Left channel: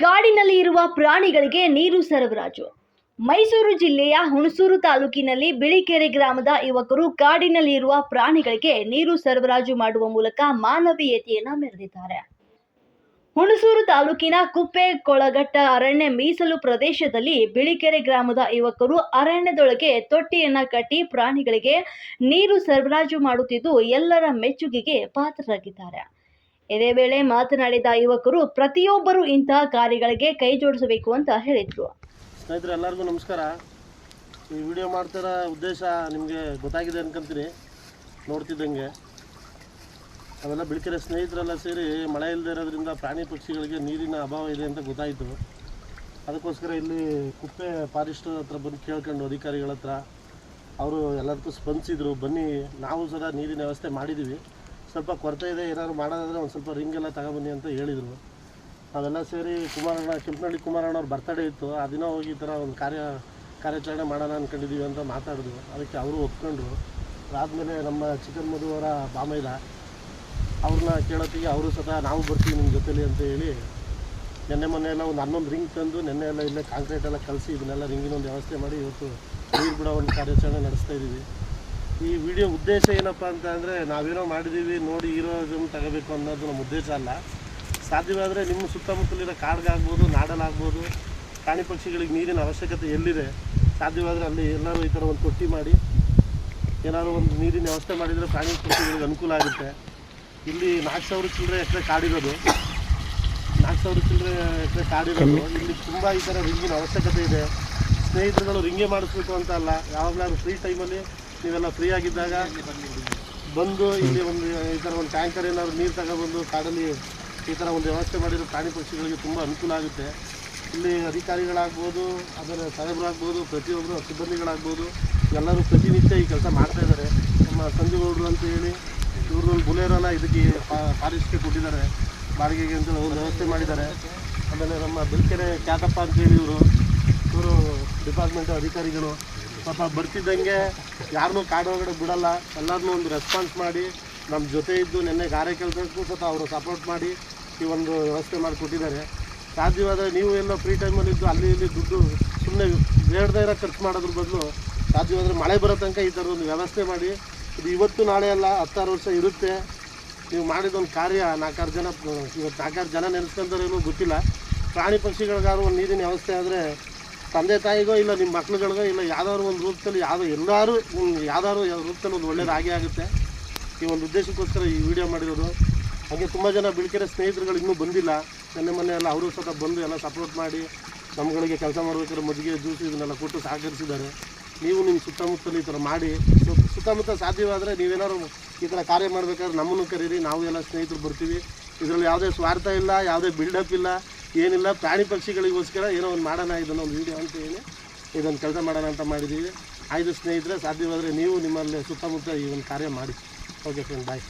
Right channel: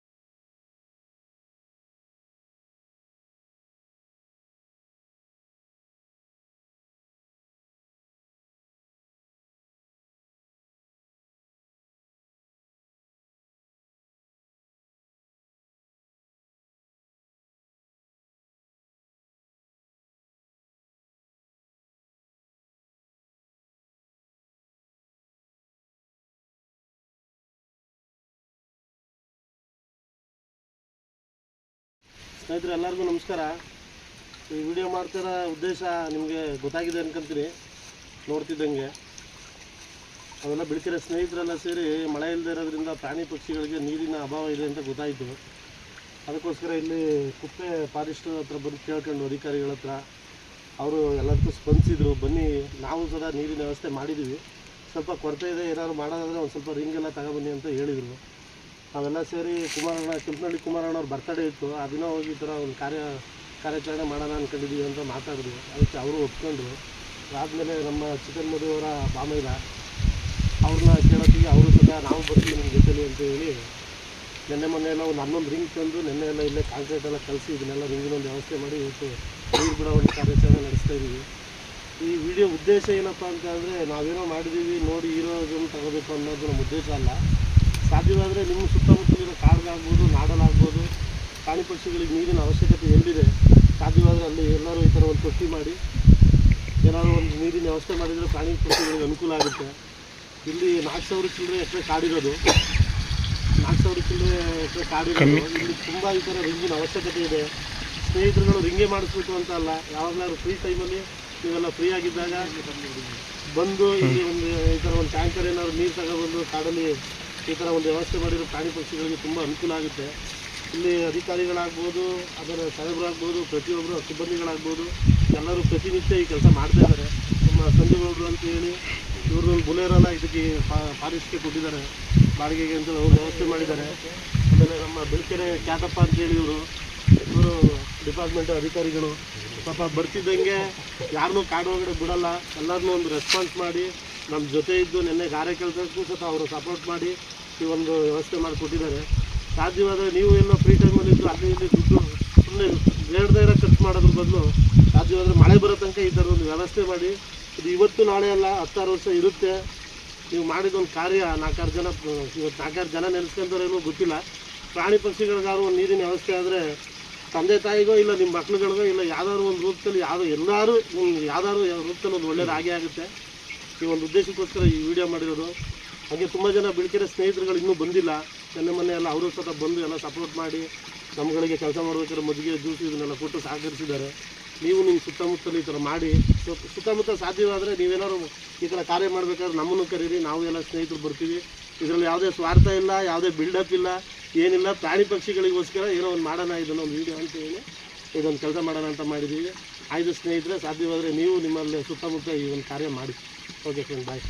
ಕಾಡಿನಲ್ಲಿ ಇರುವ ಪ್ರಾಣಿಗಳಿಗೆ ನೀರು ಸರಬರಾಜು. ಮೈಸೂರು ಜಿಲ್ಲೆಯ ಹುಣಸೂರು ತಾಲೂಕಿನಲ್ಲಿ ಬಿಳಿಕೆರೆ ಗ್ರಾಮದ ಯುವಕರು ಕಾಡಿನಲ್ಲಿ ಇರುವ ಪ್ರಾಣಿಗಳಿಗೆ ನೀರು ಸರಬರಾಜು ಮಾಡುವ ಮೂಲಕ ಮಾನವೀಯತೆಯನ್ನು ಮೆರೆದಿದ್ದಾರೆ. ಹುಣಸೂರು ತಾಲೂಕಿನ ಕುಪ್ಪೆ-ಕೊಳಗಟ್ಟ ಅರಣ್ಯ ಮೀಸಲು ಪ್ರದೇಶದಲ್ಲಿ ಬಿಳಿಕೆರೆ ಗ್ರಾಮದ ಯುವಕರು ಅರಣ್ಯದೊಳಗೆ ತೊಟ್ಟಿಯನ್ನ ಕಟ್ಟಿ ಪ್ರಾಣಿಗಳಿಗೆ ನೀರು ಸರಬರಾಜು ಮಾಡುತ್ತಿದ್ದು ಎಲ್ಲರ ಮೆಚ್ಚುಗೆಗೆ ಪಾತ್ರರಾಗಿದ್ದಾರೆ. ಇದೇ ವೇಳೆ ಮಾತನಾಡಿದ ಯುವಕರು ಪ್ರತಿಯೊಬ್ಬರು ಇಂತಹ ಕಾರ್ಯಗಳಿಗೆ ಕೈ ಜೋಡಿಸಬೇಕು ಅಂತ ಹೇಳಿದರು. ಸ್ನೇಹಿತರೆ, ಎಲ್ಲರಿಗೂ ನಮಸ್ಕಾರ. ಈ ವಿಡಿಯೋ ಮಾಡ್ತಿರೋ ಉದ್ದೇಶ ನಿಮಗೆ ಗೊತ್ತಾಗಿದೆ ಅನ್ಕೊಂತೀನಿ. ನೋಡ್ತಿದ್ದಂಗೆ ಅವೆಲ್ಲ ಬಿಳಿಕೆರೆ ಸ್ನೇಹಿತರೆಲ್ಲ ಸೇರಿ ಮಳೆ ಇಲ್ಲದೆ ಇರೋದ್ರಿಂದ ಪ್ರಾಣಿ ಪಕ್ಷಿಗಳಿಗೆ ನೀರಿನ ಅಭಾವ ಇದೆ ಅಂತ ಗೊತ್ತಾಯಿತು. ಅದಕ್ಕೋಸ್ಕರ ಇಲ್ಲಿ ಕುಪ್ಪೆ ಫಾರೆಸ್ಟ್ ಹತ್ರ ಬಂದು ಕೇಳ್ಕೊಂಡು ಅಧಿಕಾರಿಗಳ ಹತ್ರ ಅವರು ಎಲ್ಲದಕ್ಕೂ ಸ್ಪಂದಿಸಿದ್ರು. ಬನ್ನಿ, ನಾವು ಸದಾ ನೀರಿನ ವ್ಯವಸ್ಥೆ ಮಾಡಿದ್ದೀವಿ, ಸ್ವಲ್ಪ ಕೊರತೆ ಇದೆ, ಏನಾದ್ರು ಮಾಡೋದಾದರೆ ಒಂದು ಸ್ವಲ್ಪ ರಿಂಗೆಲ್ಲ ತಗೊಬನ್ನಿ ಅಂತ ಹೇಳಿದರು. ಅವೆಲ್ಲ ಸೇರಿ ಕೆಂಪನಹಳ್ಳಿ ಕುಮಾರಣ್ಣವ್ರ ಬರ್ತಡೇ ಇತ್ತು. ಆ ದಿನ ಹೋಗಿ ಈ ಥರ ಒಂದು ಕಾರ್ಯಾಚರಣೆ ಮಾಡೋಣ ಅಂದ್ಕೊಂಡಿದ್ದೀವಿ ಅಂತ ಮಾತಾಡಿದ್ರು. ಅದಕ್ಕೆ ಅವರು ಒಪ್ಕೊಂಡ್ರು. ಅದಾದಮೇಲೆ ನಮ್ಮ ಚಿಕನ್ ಮಧುವರ ಬಾಮೈದ ಅವ್ರನ್ನ ಕೇಳೋತ್ತಿಗೆ ಅವರು ಸದಾ ನಾವು ಬರ್ತೀವಿ ನಿಮ್ಮ ಜೊತೆಲಿ ಅಂತ ಹೇಳಿ ಮೊನ್ನೆ ಎಲ್ಲ ಒಂದು 11 ರಿಂಗ್ ತಂದು ನೆನ್ನೆ ಎಲ್ಲ ಇಲ್ಲೇ ಕಾಂಕ್ರೀಟ್ ಎಲ್ಲ ಕಲಿಸಿ ಇದನ್ನೆಲ್ಲ ರಿಂಗಿನೊಂದು ವ್ಯವಸ್ಥೆ ಮಾಡಿ ಇವತ್ತು ನೀರು ಬಿಡೋ ಒಂದು ಕಾರ್ಯಾಚರಣೆ ನಡೆಸ್ತಾ ಇದ್ದೀವಿ. ಈ ವಿಡಿಯೋ ಉದ್ದೇಶ ಏನಪ್ಪ ಅಂತ ಅಂದರೆ, ನಾವೇನೋ ಮಾಡಿದ್ದೀವಿ ನೋಡಿ ಇರೋದನ್ನು ತಗೋಬೇಕು ಅನ್ನೋದು ನಮ್ಮ ಉದ್ದೇಶ ಅಲ್ಲ. ಸಾಧ್ಯವಾದರೆ ನಿಮ್ಮ ಸುತ್ತಮುತ್ತಲಿರೋ ಕಾಡ್ಗಾಗ್ಬೋದು, ನಾಡಲಾಗ್ಬೋದು, ಪ್ರಾಣಿ ಪಕ್ಷಿಗಳಿಗೆ ನೀರಿನ ಅವಶ್ಯಕತೆ ಎಲ್ಲಿದೆ ಸಾಧ್ಯವಾದರೆ ಅಲ್ಲಿ ಎಲ್ಲರೂ ಈ ಥರ ಒಂದು ತೊಟ್ಟಿ ಮಾಡಿ ಏನಾದರೂ ಒಂದು ನೀರಿನ ವ್ಯವಸ್ಥೆ ಮಾಡಿದರೆ ಪ್ರಾಣಿ ಪಕ್ಷಿಗಳಿಗೆ ಅನುಕೂಲ ಆಗುತ್ತೆ. ಇಲ್ಲಿ 4,000 ಚಿಲ್ಲರೆ ಎಕರೆ ಕಾಡಿರೋದು, 4,000 ಚಿಲ್ಲರೆ ಎಕರೆ ಕಾಡಿರೋದು. ಇಲ್ಲಿ ತುಂಬ ಈ ಥರ ರಿಂಗಿನ ಅವಶ್ಯಕತೆ ಇದೆ. ಸ್ನೇಹಿತರುಗಳು ರಿಂಗೇ ಮಾಡಿಸ್ಬೇಕು ಅಂತ ಅಲ್ಲ, ಯಾವಾಗಲಾದ್ರು ಫ್ರೀ ಟೈಮಲ್ಲಿ ನೀವೆಲ್ಲ ಫ್ರೀ ಆಗಿದ್ದಾಗ ಬಂದು ಇಲ್ಲಿ ಒಂದು ಈ ಥರ ಒಂದು ಟ್ಯಾಂಕರ್ ಏನಾದ್ರು ನೀರು ತಗೊಬಂದು ಕಾಡಲ್ಲಿ ಈ ಥರ ಒಂದು ವ್ಯವಸ್ಥೆ ಮಾಡಿರೋ ಪ್ರಾಣಿ ಪಕ್ಷಿಗಳಿಗೆ ತುಂಬ ಅನುಕೂಲ ಆಗುತ್ತೆ. ಇಲ್ಲಿ ಅಧಿಕಾರಿಗಳಾಗ್ಬೋದು, ಅದರ ಸಾಹೇಬರಾಗ್ಬೋದು, ಪ್ರತಿಯೊಬ್ಬರು ಸಿಬ್ಬಂದಿಗಳಾಗ್ಬೋದು, ಎಲ್ಲರೂ ಪ್ರತಿನಿತ್ಯ ಈ ಕೆಲಸ ಮಾಡ್ತಾಯಿದ್ದಾರೆ. ನಮ್ಮ ಸಂಜುಗೌಡರು ಅಂತ ಹೇಳಿ ಇವ್ರದ್ದೊಂದು ಬುಲೆರಲ್ಲ ಇದಕ್ಕೆ ಫಾರೆಸ್ಟ್ಗೆ ಕೊಟ್ಟಿದ್ದಾರೆ ಬಾಡಿಗೆಗೆ ಅಂತ ಒಂದು ವ್ಯವಸ್ಥೆ ಮಾಡಿದ್ದಾರೆ. ಆಮೇಲೆ ನಮ್ಮ ಬಿಳಿಕೆರೆ ಕ್ಯಾತಪ್ಪ ಅಂತೇಳಿ ಇವರು ಡಿಪಾರ್ಟ್ಮೆಂಟ್ ಅಧಿಕಾರಿಗಳು ಪಾಪ ಬರ್ತಿದ್ದಂಗೆ ಯಾರನ್ನೂ ಕಾಡು ಒಳಗಡೆ ಬಿಡಲ್ಲ, ಎಲ್ಲರನ್ನೂ ಒಂದು ರೆಸ್ಪಾನ್ಸ್ ಮಾಡಿ ನಮ್ಮ ಜೊತೆ ಇದ್ದು ನೆನ್ನೆ ಗಾರೆ ಕೆಲಸಕ್ಕೂ ಸಹ ಅವರು ಸಪೋರ್ಟ್ ಮಾಡಿ ಈ ಒಂದು ವ್ಯವಸ್ಥೆ ಮಾಡಿಕೊಟ್ಟಿದ್ದಾರೆ. ಸಾಧ್ಯವಾದರೆ ನೀವು ಎಲ್ಲ ಫ್ರೀ ಟೈಮಲ್ಲಿದ್ದು ಅಲ್ಲಿ ಇಲ್ಲಿ ದುಡ್ಡು ಸುಮ್ಮನೆ ಬೇಡದೇ ಇರೋ ಖರ್ಚು ಮಾಡೋದ್ರ ಬದಲು ಸಾಧ್ಯವಾದರೆ ಮಳೆ ಬರೋ ತನಕ ಈ ಥರ ಒಂದು ವ್ಯವಸ್ಥೆ ಮಾಡಿ, ಇದು ಇವತ್ತು ನಾಳೆ ಅಲ್ಲ 10-6 ವರ್ಷ ಇರುತ್ತೆ. ನೀವು ಮಾಡಿದೊಂದು ಕಾರ್ಯ 4-6 ಜನ ಇವತ್ತು 4-6 ಜನ ನೆನೆಸ್ಕೊಂತಾರೇನೋ ಗೊತ್ತಿಲ್ಲ. ಪ್ರಾಣಿ ಪಕ್ಷಿಗಳಿಗಾದ್ರು ಒಂದು ನೀರಿನ ವ್ಯವಸ್ಥೆ ಆದರೆ ತಂದೆ ತಾಯಿಗೋ ಇಲ್ಲ ನಿಮ್ಮ ಮಕ್ಳುಗಳಿಗೋ ಇಲ್ಲ ಯಾವ್ದಾದ್ರು ಒಂದು ರೂಪದಲ್ಲಿ ಯಾವ್ದಾದ್ರು ರೂಪದಲ್ಲಿ ಒಂದು ಒಳ್ಳೇದು ಆಗೇ ಆಗುತ್ತೆ. ಈ ಒಂದು ಉದ್ದೇಶಕ್ಕೋಸ್ಕರ ಈ ವಿಡಿಯೋ ಮಾಡಿರೋದು. ಹಾಗೆ ತುಂಬ ಜನ ಬಿಳಿಕೆರೆ ಸ್ನೇಹಿತರುಗಳು ಇನ್ನೂ ಬಂದಿಲ್ಲ. ಮೊನ್ನೆ ಎಲ್ಲ ಅವರು ಸಹ ಬಂದು ಎಲ್ಲ ಸಪೋರ್ಟ್ ಮಾಡಿ ನಮ್ಗಳಿಗೆ ಕೆಲಸ ಮಾಡಬೇಕಾದ್ರೆ ಮಜ್ಜಿಗೆ ಜ್ಯೂಸ್ ಇದನ್ನೆಲ್ಲ ಕೊಟ್ಟು ಸಹಕರಿಸಿದ್ದಾರೆ. ನೀವು ನಿಮ್ಮ ಸುತ್ತಮುತ್ತಲು ಈ ಥರ ಮಾಡಿ, ಸುತ್ತಮುತ್ತ ಸಾಧ್ಯವಾದರೆ ನೀವೇನಾದ್ರು ಈ ಥರ ಕಾರ್ಯ ಮಾಡಬೇಕಾದ್ರೆ ನಮ್ಮನ್ನು ಕರೀರಿ, ನಾವು ಎಲ್ಲ ಸ್ನೇಹಿತರು ಬರ್ತೀವಿ. ಇದರಲ್ಲಿ ಯಾವುದೇ ಸ್ವಾರ್ಥ ಇಲ್ಲ, ಯಾವುದೇ ಬಿಲ್ಡಪ್ ಇಲ್ಲ, ಏನಿಲ್ಲ. ಪ್ರಾಣಿ ಪಕ್ಷಿಗಳಿಗೋಸ್ಕರ ಏನೋ ಒಂದು ಮಾಡೋಣ, ಇದನ್ನು ಒಂದು ವೀಡಿಯೋ ಅಂತ ಹೇಳಿ ಇದೊಂದು ಕೆಲಸ ಮಾಡೋಣ ಅಂತ ಮಾಡಿದ್ದೀವಿ. ಆಯ್ತು ಸ್ನೇಹಿತರೆ, ಸಾಧ್ಯವಾದರೆ ನೀವು ನಿಮ್ಮಲ್ಲಿ ಸುತ್ತಮುತ್ತ ಈ ಒಂದು ಕಾರ್ಯ ಮಾಡಿ. ಓಕೆ ಫ್ರೆಂಡ್, ಬಾಯ್.